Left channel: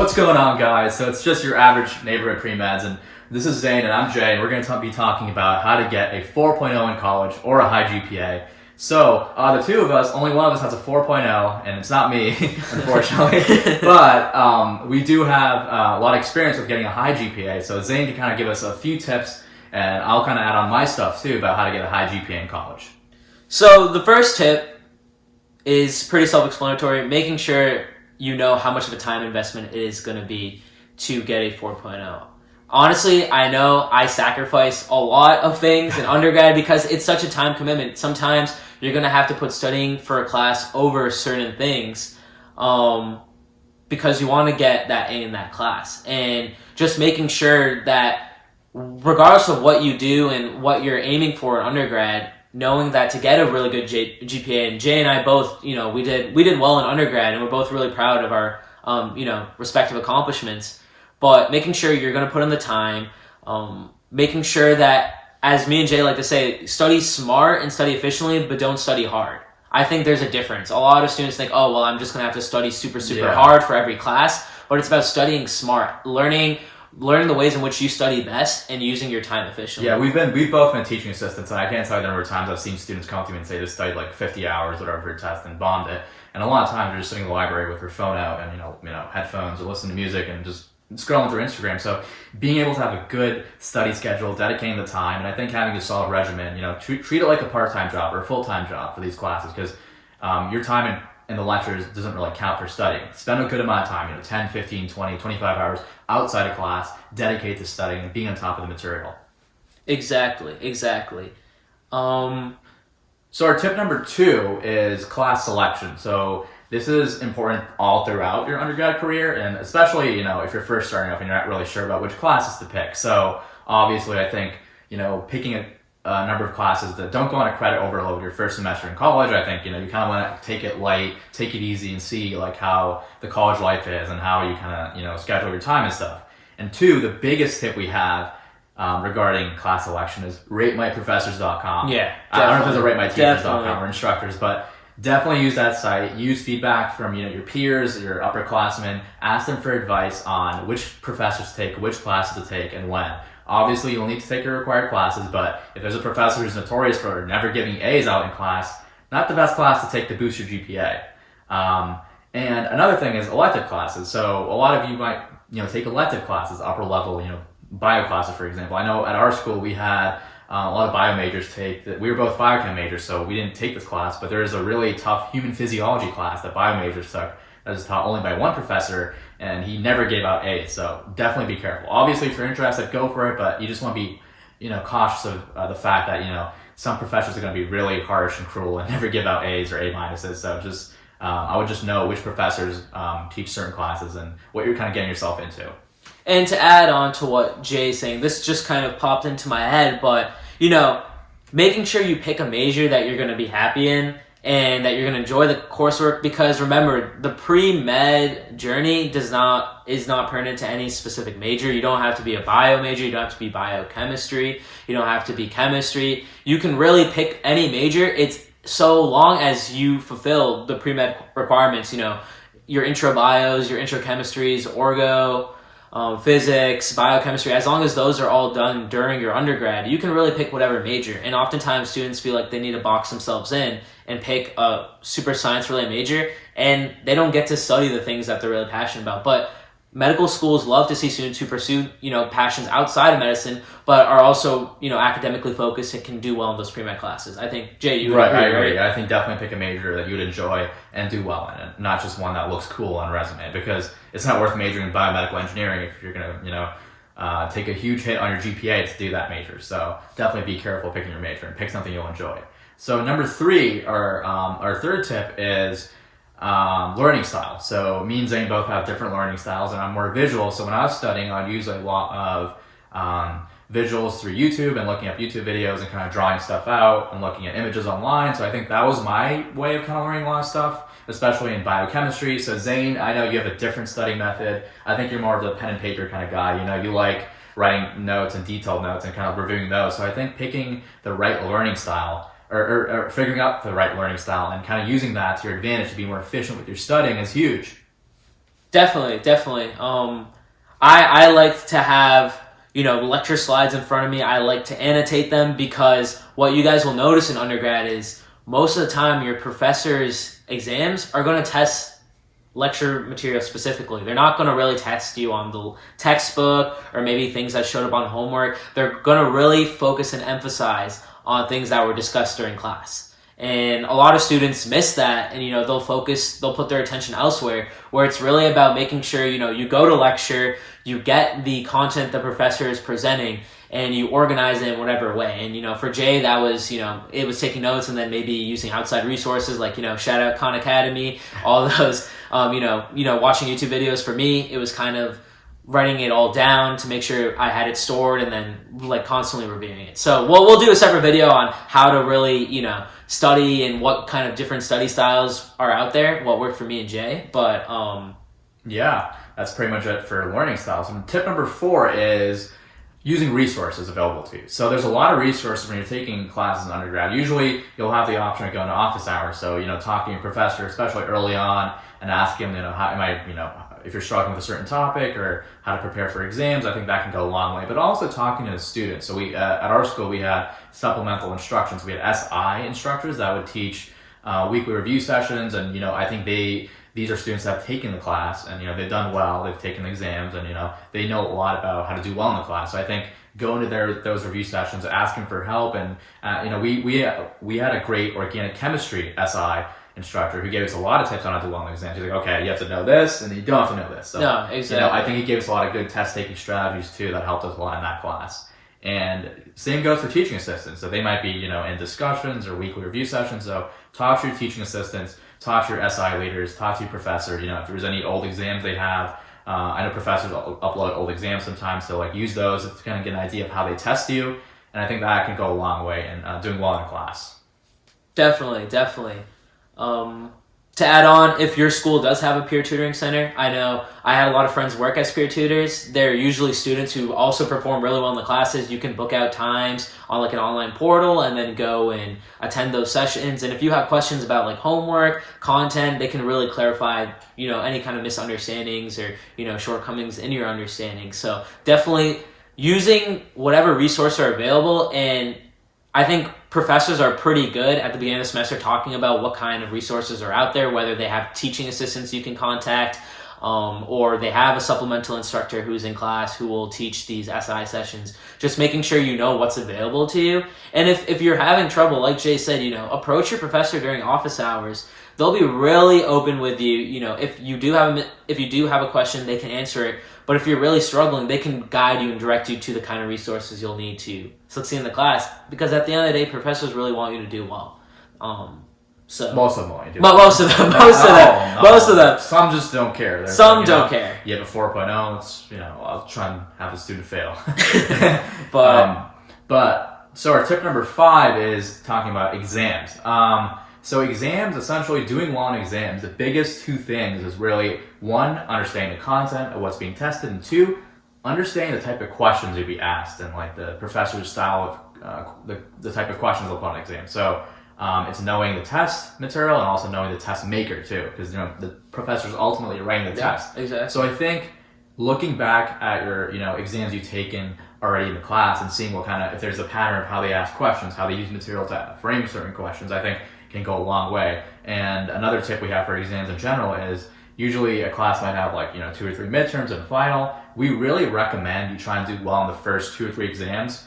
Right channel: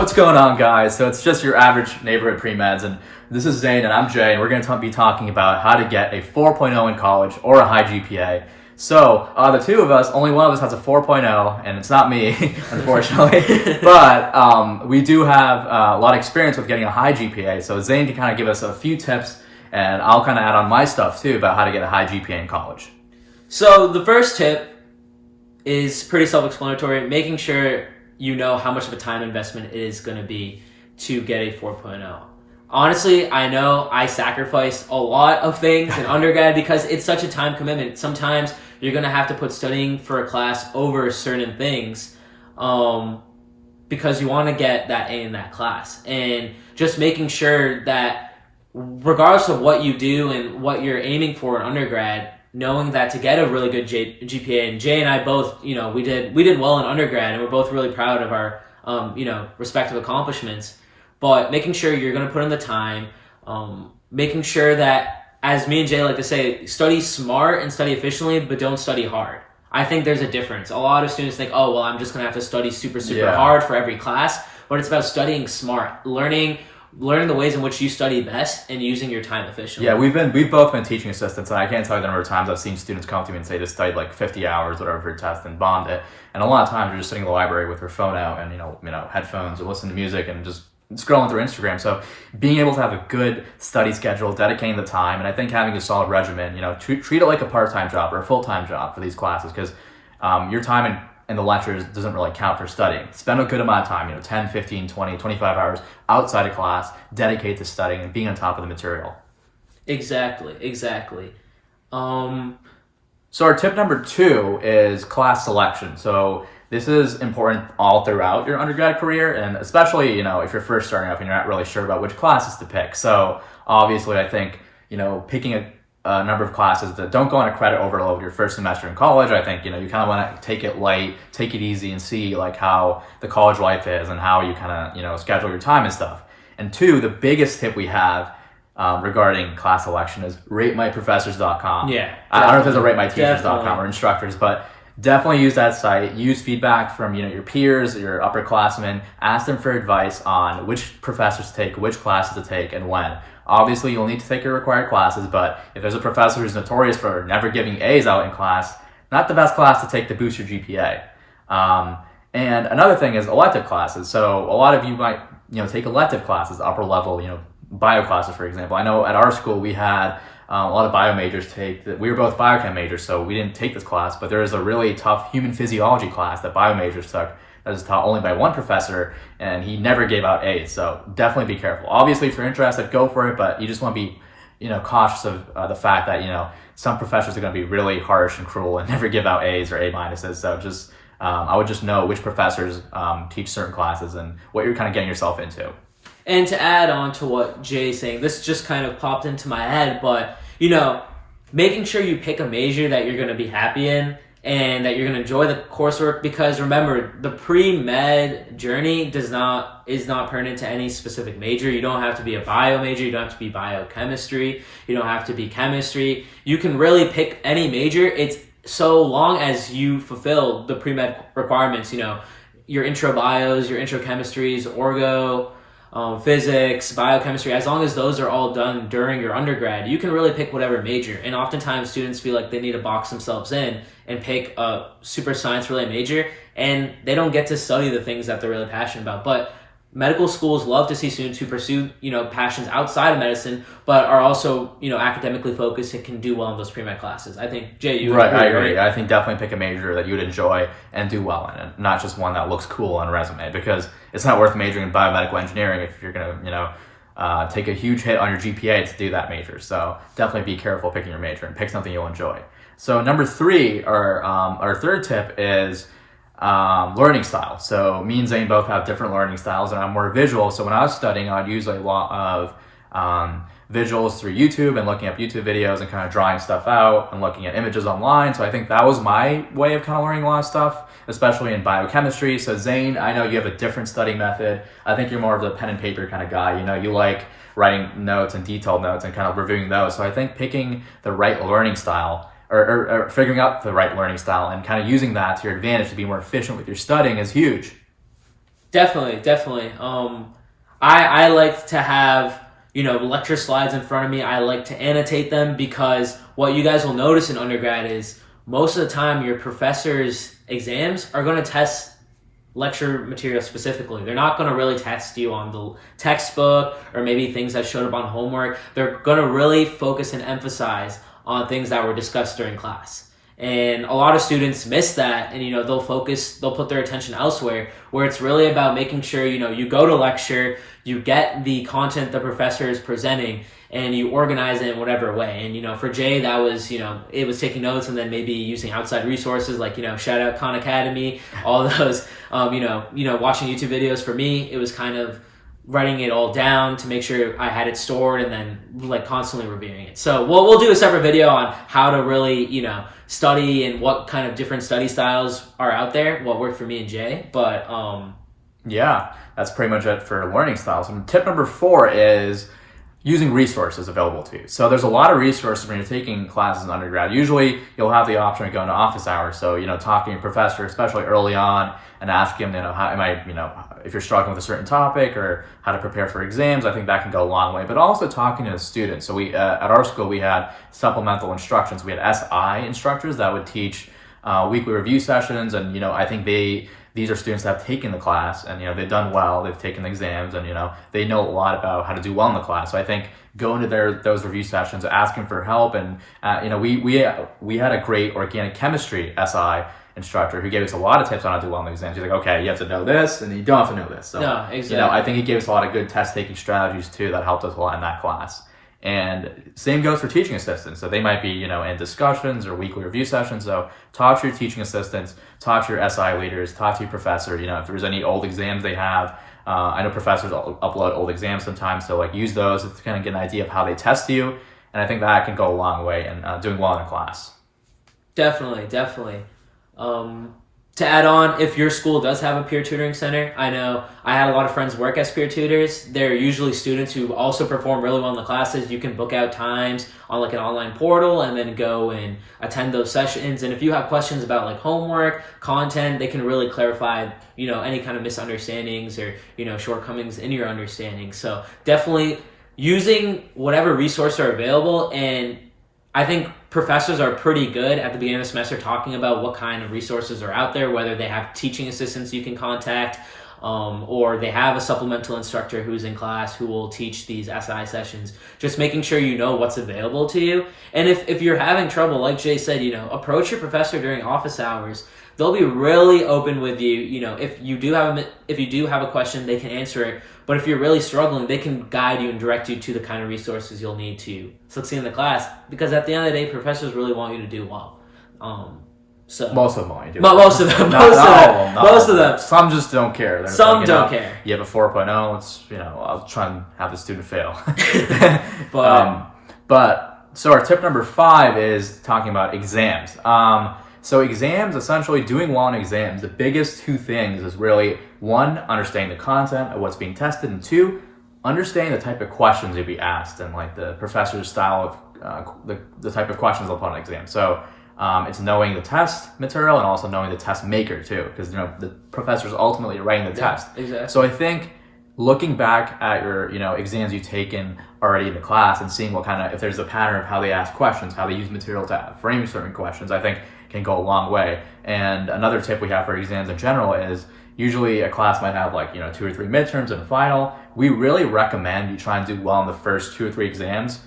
What's going on, guys? So it's just your average neighborhood pre-meds, and this is Zane and I'm Jay, and we're going to be talking about how to get a 4.0 in college or a high GPA. So the two of us, only one of us has a 4.0, and it's not me, unfortunately. But we do have a lot of experience with getting a high GPA. So Zane can kind of give us a few tips, and I'll kind of add on my stuff too about how to get a high GPA in college. So the first tip is pretty self-explanatory, making sure you know how much of a time investment it is going to be to get a 4.0. Honestly, I know I sacrifice a lot of things in undergrad because it's such a time commitment. Sometimes you're going to have to put studying for a class over certain things because you want to get that A in that class. And just making sure that regardless of what you do and what you're aiming for in undergrad, knowing that to get a really good GPA, and Jay and I both, we did well in undergrad, and we're both really proud of our, respective accomplishments. But making sure you're going to put in the time, making sure that, as me and Jay like to say, study smart and study efficiently, but don't study hard. I think there's a difference. A lot of students think, oh, well, I'm just going to have to study super hard for every class, but it's about studying smart, learning the ways in which you study best and using your time efficiently. Yeah, we've both been teaching assistants, and I can't tell you the number of times I've seen students come to me and say they studied like 50 hours, whatever, for a test and bombed it. And a lot of times they're just sitting in the library with their phone out and headphones or listening to music and just scrolling through Instagram. So being able to have a good study schedule, dedicating the time, and I think having a solid regimen, treat it like a part-time job or a full-time job for these classes, because your time in the lectures doesn't really count for studying. Spend a good amount of time, 10, 15, 20, 25 hours outside of class, dedicate to studying and being on top of the material. Exactly. So our tip number 2 is class selection. So this is important all throughout your undergrad career, and especially, if you're first starting off and you're not really sure about which classes to pick. So obviously I think, picking a number of classes that don't go on a credit overload your first semester in college. I think, you kind of want to take it light, take it easy, and see like how the college life is and how you kind of, schedule your time and stuff. And 2, the biggest tip we have regarding class selection is ratemyprofessors.com. Yeah. I don't know if there's a ratemyteachers.com or instructors, but definitely use that site. Use feedback from, your peers, your upperclassmen. Ask them for advice on which professors to take, which classes to take, and when. Obviously, you'll need to take your required classes, but if there's a professor who's notorious for never giving A's out in class, not the best class to take to boost your GPA. And another thing is elective classes. So a lot of you might, take elective classes, upper level, bio classes, for example. I know at our school we had a lot of bio majors take that. We were both biochem majors, so we didn't take this class, but there is a really tough human physiology class that bio majors took that is taught only by one professor, and he never gave out A's. So definitely be careful. Obviously, if you're interested, go for it, but you just want to be, cautious of the fact that, some professors are going to be really harsh and cruel and never give out A's or A minuses. So just, I would just know which professors teach certain classes and what you're kind of getting yourself into. And to add on to what Jay's saying, this just kind of popped into my head, but, making sure you pick a major that you're going to be happy in and that you're going to enjoy the coursework, because remember, the pre-med journey is not pertinent to any specific major. You don't have to be a bio major. You don't have to be biochemistry. You don't have to be chemistry. You can really pick any major. It's so long as you fulfill the pre-med requirements, your intro bios, your intro chemistries, orgo, physics, biochemistry. As long as those are all done during your undergrad, you can really pick whatever major. And oftentimes students feel like they need to box themselves in and pick a super science-related major, and they don't get to study the things that they're really passionate about. But medical schools love to see students who pursue, passions outside of medicine, but are also, academically focused and can do well in those pre-med classes. I think, Jay, you right, agree, I agree. right? I think definitely pick a major that you would enjoy and do well in, and not just one that looks cool on a resume, because it's not worth majoring in biomedical engineering if you're going to, take a huge hit on your GPA to do that major. So definitely be careful picking your major and pick something you'll enjoy. So number 3, our third tip is learning style. So me and Zane both have different learning styles, and I'm more visual. So when I was studying, I'd use a lot of visuals through YouTube and looking up YouTube videos and kind of drawing stuff out and looking at images online. So I think that was my way of kind of learning a lot of stuff, especially in biochemistry. So Zane, I know you have a different study method. I think you're more of the pen and paper kind of guy. You like writing notes and detailed notes and kind of reviewing those. So I think picking the right learning style or figuring out the right learning style and kind of using that to your advantage to be more efficient with your studying is huge. Definitely. I like to have, lecture slides in front of me. I like to annotate them because what you guys will notice in undergrad is most of the time your professor's exams are going to test lecture material specifically. They're not going to really test you on the textbook or maybe things that showed up on homework. They're going to really focus and emphasize on things that were discussed during class. And a lot of students miss that, and they'll put their attention elsewhere, where it's really about making sure you go to lecture, you get the content the professor is presenting, and you organize it in whatever way. And for Jay, that was it was taking notes and then maybe using outside resources like shout out Khan Academy, all those watching YouTube videos. For me, it was kind of writing it all down to make sure I had it stored and then constantly reviewing it. So we'll do a separate video on how to really study and what kind of different study styles are out there, what worked for me and Jay. But yeah, that's pretty much it for learning styles. And tip number 4 is using resources available to you. So there's a lot of resources when you're taking classes in undergrad. Usually you'll have the option of going to office hours. So, talking to your professor, especially early on, and asking him, how am I, if you're struggling with a certain topic or how to prepare for exams. I think that can go a long way. But also talking to the students. So we, at our school, we had supplemental instructions. We had SI instructors that would teach weekly review sessions. And, I think these are students that have taken the class and, they've done well, they've taken the exams and, they know a lot about how to do well in the class. So I think going to those review sessions, asking for help. And, we had a great organic chemistry SI instructor who gave us a lot of tips on how to do well in the exams. He's like, okay, you have to know this and you don't have to know this. So, no, exactly. I think he gave us a lot of good test taking strategies too that helped us a lot in that class. And same goes for teaching assistants. So they might be, in discussions or weekly review sessions. So talk to your teaching assistants, talk to your SI leaders, talk to your professor. If there's any old exams they have, I know professors upload old exams sometimes. So use those to kind of get an idea of how they test you. And I think that can go a long way in doing well in a class. Definitely. To add on, if your school does have a peer tutoring center, I know I had a lot of friends work as peer tutors. They're usually students who also perform really well in the classes. You can book out times on an online portal and then go and attend those sessions. And if you have questions about homework, content, they can really clarify, any kind of misunderstandings or, shortcomings in your understanding. So definitely using whatever resources are available. And I think professors are pretty good at the beginning of the semester talking about what kind of resources are out there, whether they have teaching assistants you can contact, or they have a supplemental instructor who's in class who will teach these SI sessions. Just making sure you know what's available to you. And if you're having trouble, like Jay said, approach your professor during office hours. They'll be really open with you. If you do have a question, they can answer it. But if you're really struggling, they can guide you and direct you to the kind of resources you'll need to succeed in the class. Because at the end of the day, professors really want you to do well. So most of them want you to do well. Most of them. Most of them. Some just don't care. Some don't care. You have a 4.0. It's I'll try and have the student fail. But so our tip number 5 is talking about exams. So exams, essentially doing well in exams, the biggest 2 things is really 1, understanding the content of what's being tested, and 2, understanding the type of questions you'll be asked and the professor's style of the type of questions they'll put on an exam. So it's knowing the test material and also knowing the test maker too, because the professor's ultimately writing the test. Exactly. So I think looking back at your exams you've taken already in the class and seeing what kind of, if there's a pattern of how they ask questions, how they use material to frame certain questions, I think can go a long way. And another tip we have for exams in general is usually a class might have 2 or 3 midterms and a final. We really recommend you try and do well in the first 2 or 3 exams,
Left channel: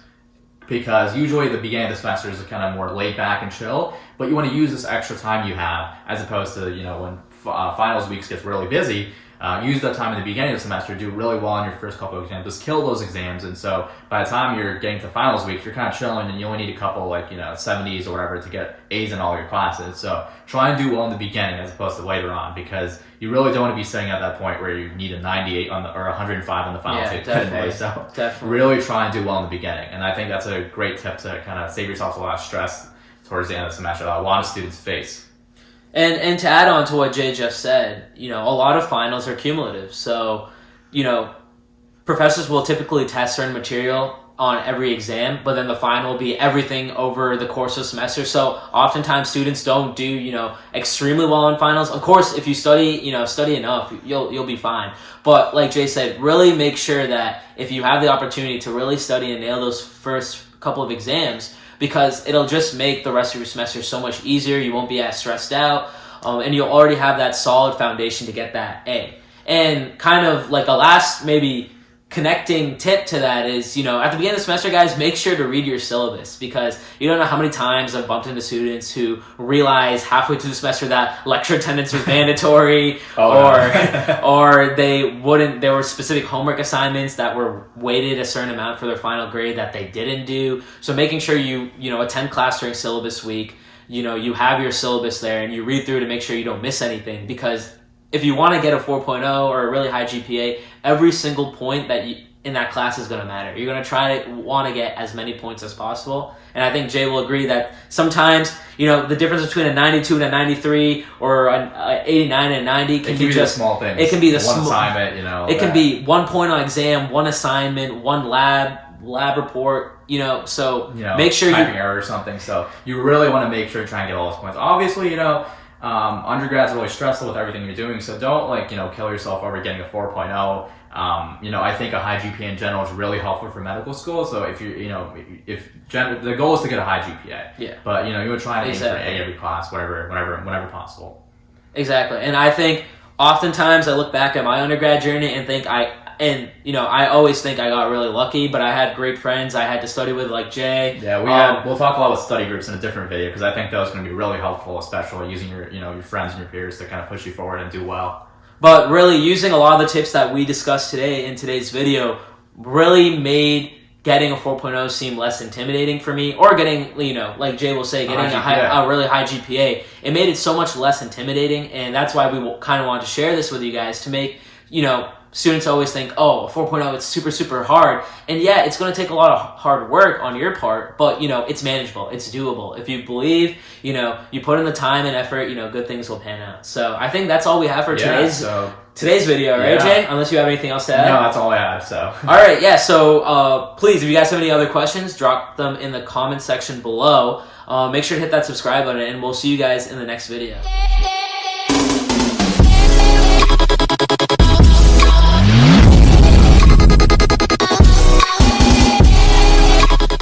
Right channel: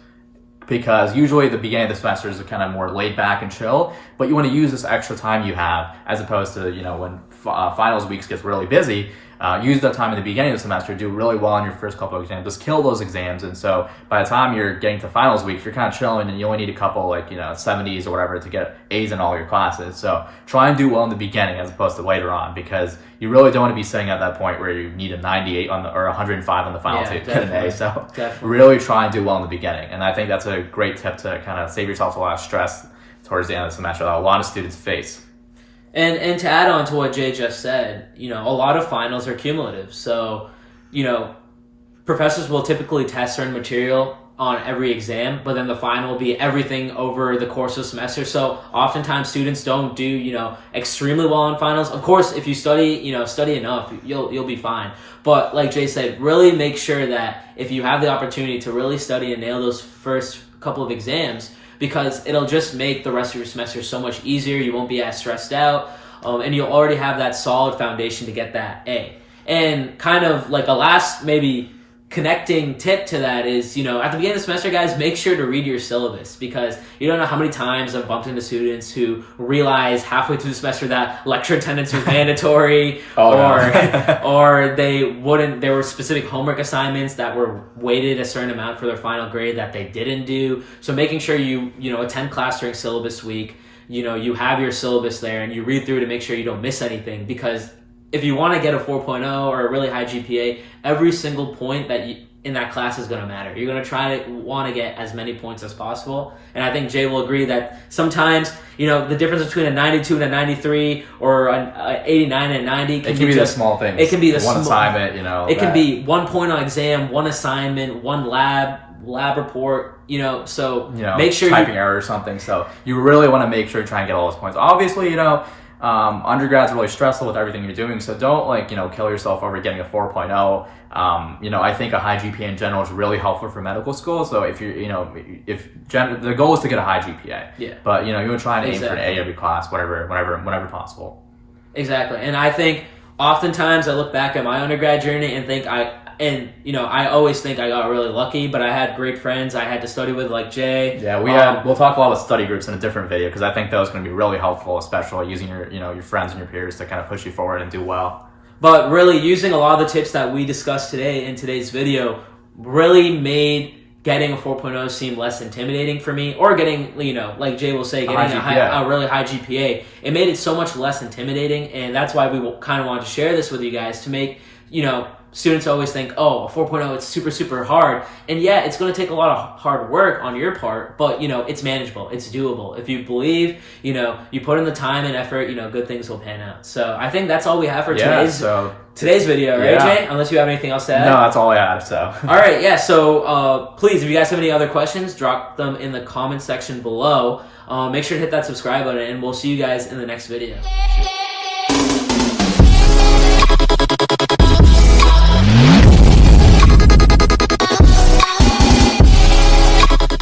because usually the beginning of the semester is kind of more laid back and chill, but you want to use this extra time you have as opposed to when finals weeks gets really busy. Use that time in the beginning of the semester, do really well in your first couple of exams, just kill those exams. And so by the time you're getting to finals week, you're kind of chilling and you only need a couple 70s or whatever to get A's in all your classes. So try and do well in the beginning as opposed to later on, because you really don't want to be sitting at that point where you need a 98 or 105 on the final to get an A. So really try and do well in the beginning. And I think that's a great tip to kind of save yourself a lot of stress towards the end of the semester that a lot of students face. And to add on to what Jay just said, a lot of finals are cumulative. So, professors will typically test certain material on every exam, but then the final will be everything over the course of the semester. So oftentimes students don't do, extremely well on finals. Of course, if you study enough, you'll be fine. But like Jay said, really make sure that if you have the opportunity to really study and nail those first couple of exams, because it'll just make the rest of your semester so much easier. You won't be as stressed out, and you'll already have that solid foundation to get that A. And kind of like a last maybe connecting tip to that is, at the beginning of the semester, guys, make sure to read your syllabus, because you don't know how many times I've bumped into students who realize halfway through the semester that lecture attendance was mandatory, or there were specific homework assignments that were weighted a certain amount for their final grade that they didn't do. So making sure you attend class during syllabus week, you have your syllabus there and you read through to make sure you don't miss anything, because if you want to get a 4.0 or a really high GPA, every single point in that class is going to matter. You're going to want to get as many points as possible. And I think Jay will agree that sometimes, the difference between a 92 and a 93 or an 89 and a 90 can be the small things. It can be the one assignment, It can be 1 point on exam, one assignment, one lab report, so make sure typing error or something. So you really want to make sure to try and get all those points. Obviously, undergrad's really stressful with everything you're doing, so don't kill yourself over getting a 4.0. I think a high GPA in general is really helpful for medical school. So if the goal is to get a high GPA, but you would try and aim for an A every class, whenever possible. Exactly, and I think oftentimes I look back at my undergrad journey and think I always think I got really lucky, but I had great friends I had to study with, like Jay. Yeah, we'll talk a lot about study groups in a different video, because I think that was going to be really helpful, especially using your friends and your peers to kind of push you forward and do well. But really, using a lot of the tips that we discussed today in today's video really made getting a 4.0 seem less intimidating for me, or getting, like Jay will say, getting a really high GPA. It made it so much less intimidating, and that's why we kind of wanted to share this with you guys, to make, students always think, a 4.0, it's super, super hard. And yeah, it's going to take a lot of hard work on your part, but, it's manageable. It's doable. If you believe, you put in the time and effort, good things will pan out. So I think that's all we have for today's video, right, Jay? Unless you have anything else to add? No, that's all I had, so. All right, yeah. So please, if you guys have any other questions, drop them in the comment section below. Make sure to hit that subscribe button, and we'll see you guys in the next video.